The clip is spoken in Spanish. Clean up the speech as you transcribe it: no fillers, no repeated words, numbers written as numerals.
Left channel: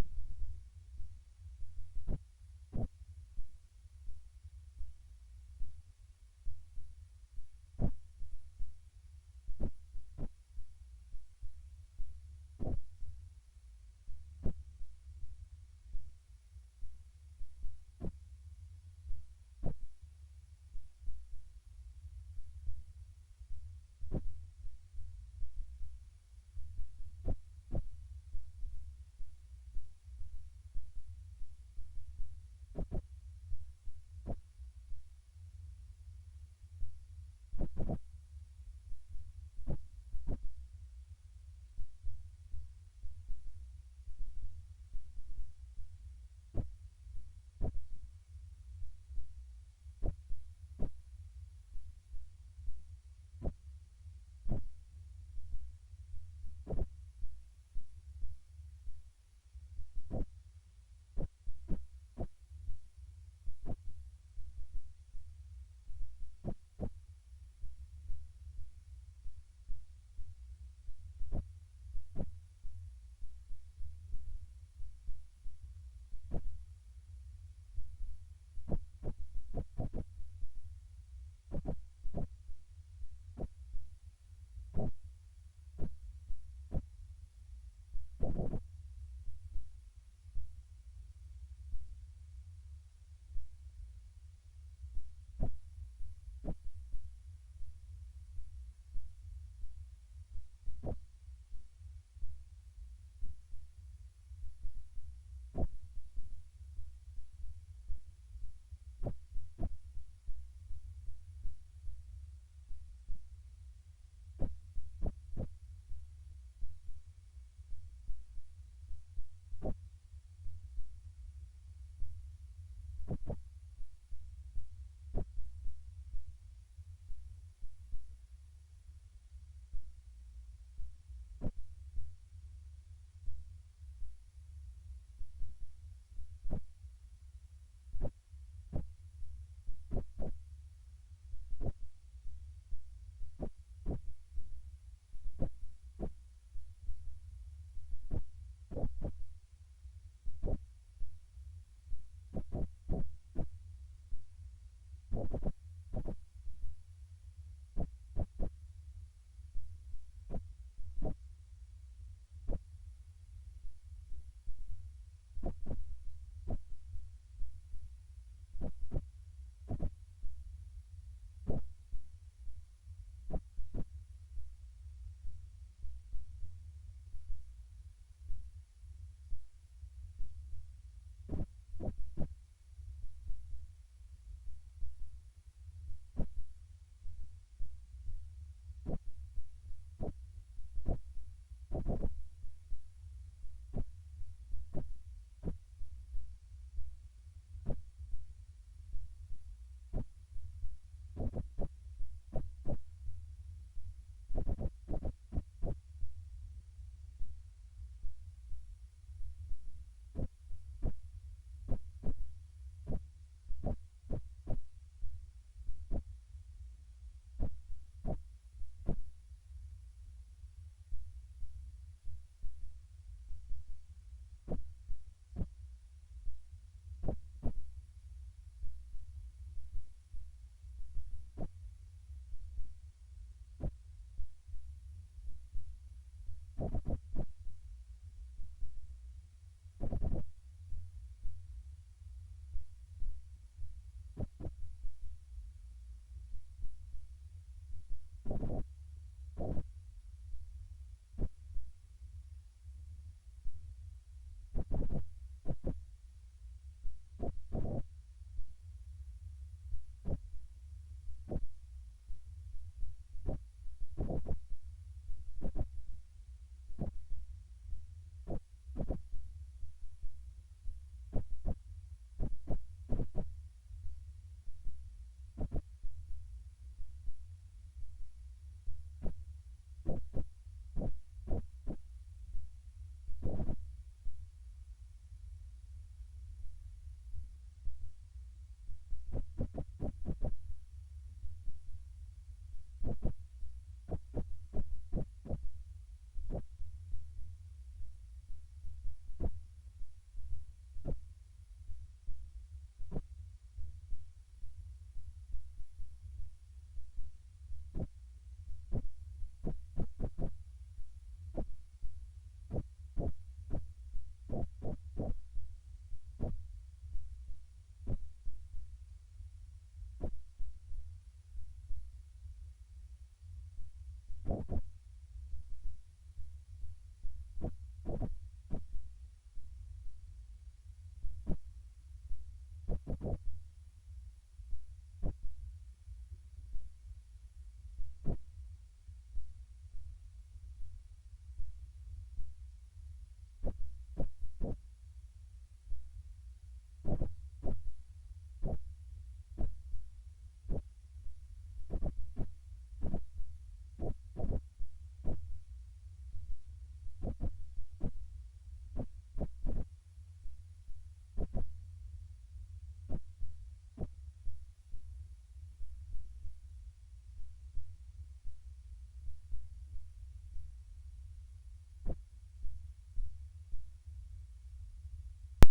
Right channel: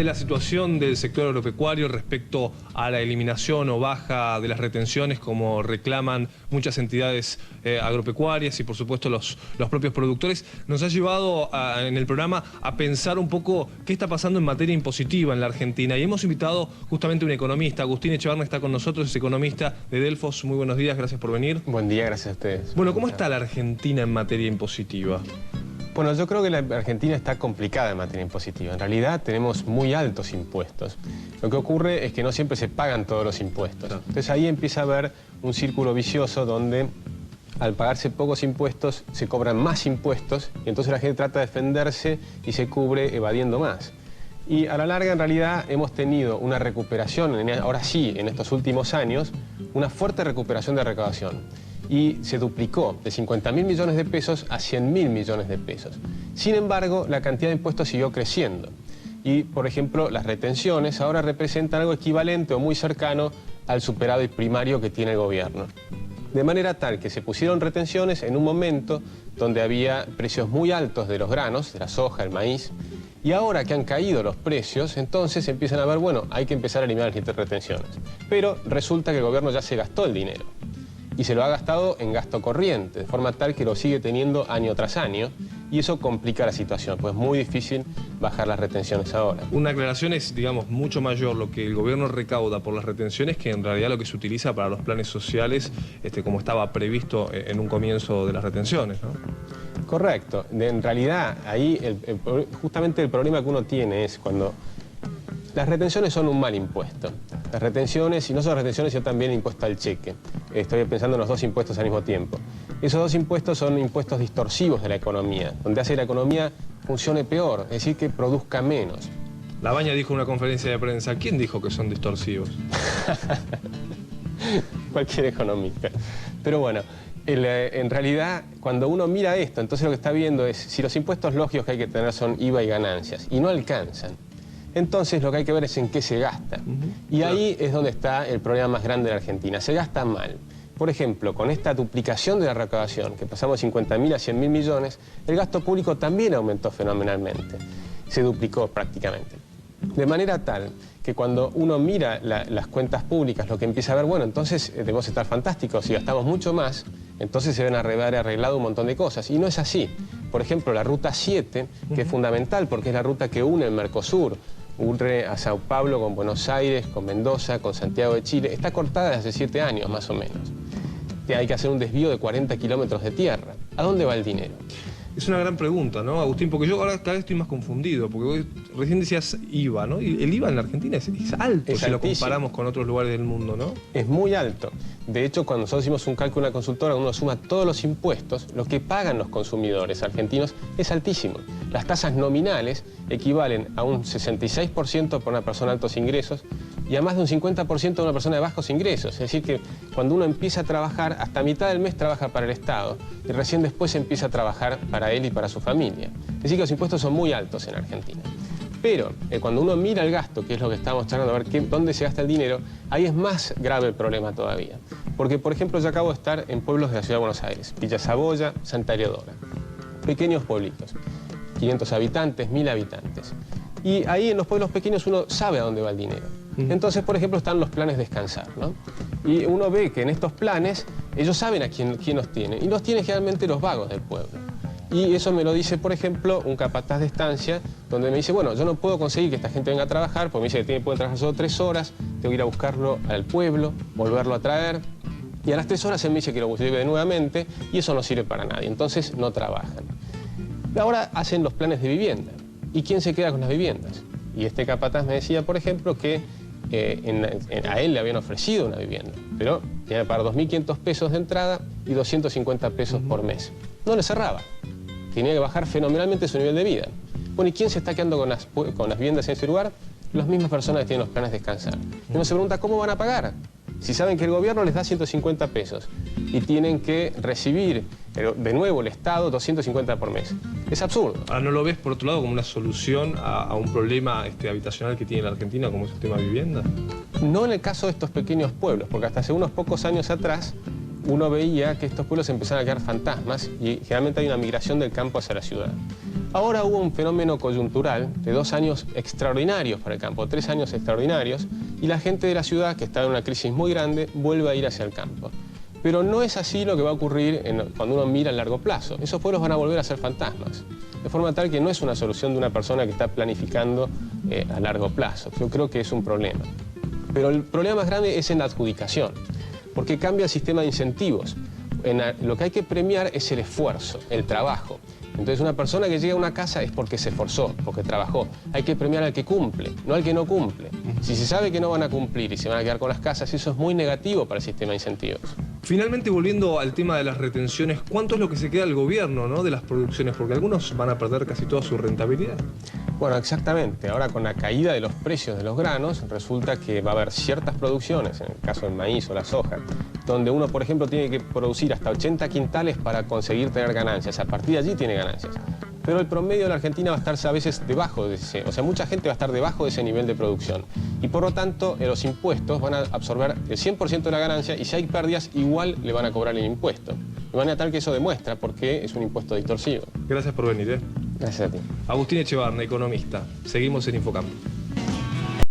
de la situación del sector agropecuario respecto a la eliminación o baja de las retenciones, como reclaman muchas entidades agropecuarias y por supuesto los propios productores, nos ha llevado en el programa a pensar un poco qué está pasando en materia impositiva en la Argentina. Y hemos invitado justamente a un economista. Agustín Echevarne está con nosotros, es economista de Delfos. Muy buenos días, gracias por venir. Buen día, gracias a ustedes. Bueno, ¿cómo está la Argentina en materia impositiva? Bueno, yo creo que la Argentina está complicada en materia impositiva. En realidad tenemos muy altos impuestos. Lo que ocurre es que no siempre se pagan todos los impuestos. Entonces ahí empieza a haber un círculo vicioso donde al pagarse pocos impuestos se cobran más impuestos y entonces la gente trata de defenderse y se cubre evadiendo más. Y a la larga en realidad hemos tenido una recuperación, ahora sí, en estos últimos años, una fuerte recuperación de recaudación. Y se duplicó de 50.000 millones de pesos a 100.000 millones de pesos. Sin embargo, la cantidad de impuestos siguió creciendo. Y, por ejemplo, las retenciones ahora representan algo equivalente o muy cercano al superávit primario que tiene el gobierno. De manera tal que se pusieron retenciones en un momento donde había precios muy altos de los granos, de la soja, el maíz, y ahora que han caído los precios, entonces empiezan a ver, bueno, hay que empezar a eliminar las retenciones. Pero resulta que el gobierno ya se gastó el dinero. Y se lo ha gastado en gasto corriente, de forma tal que lo sigue teniendo año tras año, y eso complica la situación, pues es muy difícil bajar las retenciones ahora. Una aclaración es, digamos, mucho mayor lo que el gobierno recauda por las retenciones que en realidad lo que se utiliza para los planes sociales, como estaba previsto en un comienzo de las retenciones, ¿no? Correcto. En realidad, ahí justamente el problema que uno tiene es cuando las retenciones son un mal impuesto. Las retenciones, y no solo retenciones, sino también el impuesto al cheque. Estoy pensando en los dos impuestos al mismo tiempo. Esos dos impuestos son impuestos distorsivos de la economía, donde hace que la economía funcione peor, es decir, que produzca menos. Labaña dijo en una conferencia de prensa, ¿quién dijo que son distorsivos? Cualquier economista. Pero bueno, en realidad, cuando uno mira esto, entonces lo que está viendo es si los impuestos lógicos que hay que tener son IVA y ganancias, y no alcanzan. Entonces lo que hay que ver es en qué se gasta. Y ahí es donde está el problema más grande de la Argentina. Se gasta mal. Por ejemplo, con esta duplicación de la recaudación, que pasamos de 50.000 a 100.000 millones, el gasto público también aumentó fenomenalmente. Se duplicó prácticamente. De manera tal que cuando uno mira las cuentas públicas, lo que empieza a ver, bueno, entonces debemos estar fantásticos, si gastamos mucho más, entonces se deben haber arreglado un montón de cosas. Y no es así. Por ejemplo, la Ruta 7, que es fundamental porque es la ruta que une el Mercosur, une a Sao Paulo con Buenos Aires, con Mendoza, con Santiago de Chile, está cortada desde hace 7 años más o menos. Hay que hacer un desvío de 40 kilómetros de tierra. ¿A dónde va el dinero? Es una gran pregunta, ¿no, Agustín? Porque yo ahora cada vez estoy más confundido, porque recién decías IVA, ¿no? Y el IVA en la Argentina es alto si lo comparamos con otros lugares del mundo, ¿no? Es muy alto. De hecho, cuando nosotros hicimos un cálculo en una consultora, uno suma todos los impuestos, lo que pagan los consumidores argentinos es altísimo. Las tasas nominales equivalen a un 66% para una persona de altos ingresos y a más de un 50% de una persona de bajos ingresos. Es decir que cuando uno empieza a trabajar, hasta mitad del mes trabaja para el Estado y recién después empieza a trabajar para él y para su familia. Es decir que los impuestos son muy altos en Argentina. Pero cuando uno mira el gasto, que es lo que estamos tratando de ver dónde se gasta el dinero, ahí es más grave el problema todavía. Porque, por ejemplo, yo acabo de estar en pueblos de la Ciudad de Buenos Aires, Villa Saboya, Santa Eleodora. Pequeños pueblitos, 500 habitantes, 1.000 habitantes. Y ahí en los pueblos pequeños uno sabe a dónde va el dinero. Entonces, por ejemplo, están los planes Descansar, ¿no? Y uno ve que en estos planes ellos saben a quién los tiene. Y los tienen generalmente los vagos del pueblo. Y eso me lo dice, por ejemplo, un capataz de estancia, donde me dice, bueno, yo no puedo conseguir que esta gente venga a trabajar, porque me dice que puede trabajar solo 3 horas, tengo que ir a buscarlo al pueblo, volverlo a traer. Y a las 3 horas él me dice que lo lleve nuevamente, y eso no sirve para nadie. Entonces no trabajan. Ahora hacen los planes de vivienda. ¿Y quién se queda con las viviendas? Y este capataz me decía, por ejemplo, que a él le habían ofrecido una vivienda, pero tenía que pagar 2.500 pesos de entrada y 250 pesos por mes. No le cerraba. Tenía que bajar fenomenalmente su nivel de vida. Bueno, ¿y quién se está quedando con las viviendas en ese lugar? Las mismas personas que tienen los planes Descansar. Y uno se pregunta, ¿cómo van a pagar? Si saben que el gobierno les da 150 pesos y tienen que recibir de nuevo el Estado 250 por mes. Es absurdo. Ahora, ¿no lo ves, por otro lado, como una solución a un problema habitacional que tiene la Argentina, como es el tema de vivienda? No en el caso de estos pequeños pueblos, porque hasta hace unos pocos años atrás uno veía que estos pueblos empezaban a quedar fantasmas y generalmente hay una migración del campo hacia la ciudad. Ahora hubo un fenómeno coyuntural de 2 años extraordinarios para el campo, 3 años extraordinarios, y la gente de la ciudad, que está en una crisis muy grande, vuelve a ir hacia el campo. Pero no es así lo que va a ocurrir cuando uno mira a largo plazo. Esos pueblos van a volver a ser fantasmas. De forma tal que no es una solución de una persona que está planificando a largo plazo. Yo creo que es un problema. Pero el problema más grande es en la adjudicación, porque cambia el sistema de incentivos. Lo que hay que premiar es el esfuerzo, el trabajo. Entonces una persona que llega a una casa es porque se esforzó, porque trabajó. Hay que premiar al que cumple, no al que no cumple. Si se sabe que no van a cumplir y se van a quedar con las casas, eso es muy negativo para el sistema de incentivos. Finalmente, volviendo al tema de las retenciones, ¿cuánto es lo que se queda al gobierno, ¿no?, de las producciones? Porque algunos van a perder casi toda su rentabilidad. Bueno, exactamente. Ahora con la caída de los precios de los granos, resulta que va a haber ciertas producciones, en el caso del maíz o la soja, donde uno, por ejemplo, tiene que producir hasta 80 quintales para conseguir tener ganancias. A partir de allí tiene ganancias. Pero el promedio de la Argentina va a estar a veces debajo de ese, o sea, mucha gente va a estar debajo de ese nivel de producción. Y por lo tanto, los impuestos van a absorber el 100% de la ganancia y si hay pérdidas, igual le van a cobrar el impuesto. De manera tal que eso demuestra por qué es un impuesto distorsivo. Gracias por venir. Gracias a ti. Agustín Echevarne, economista. Seguimos en Infocampo.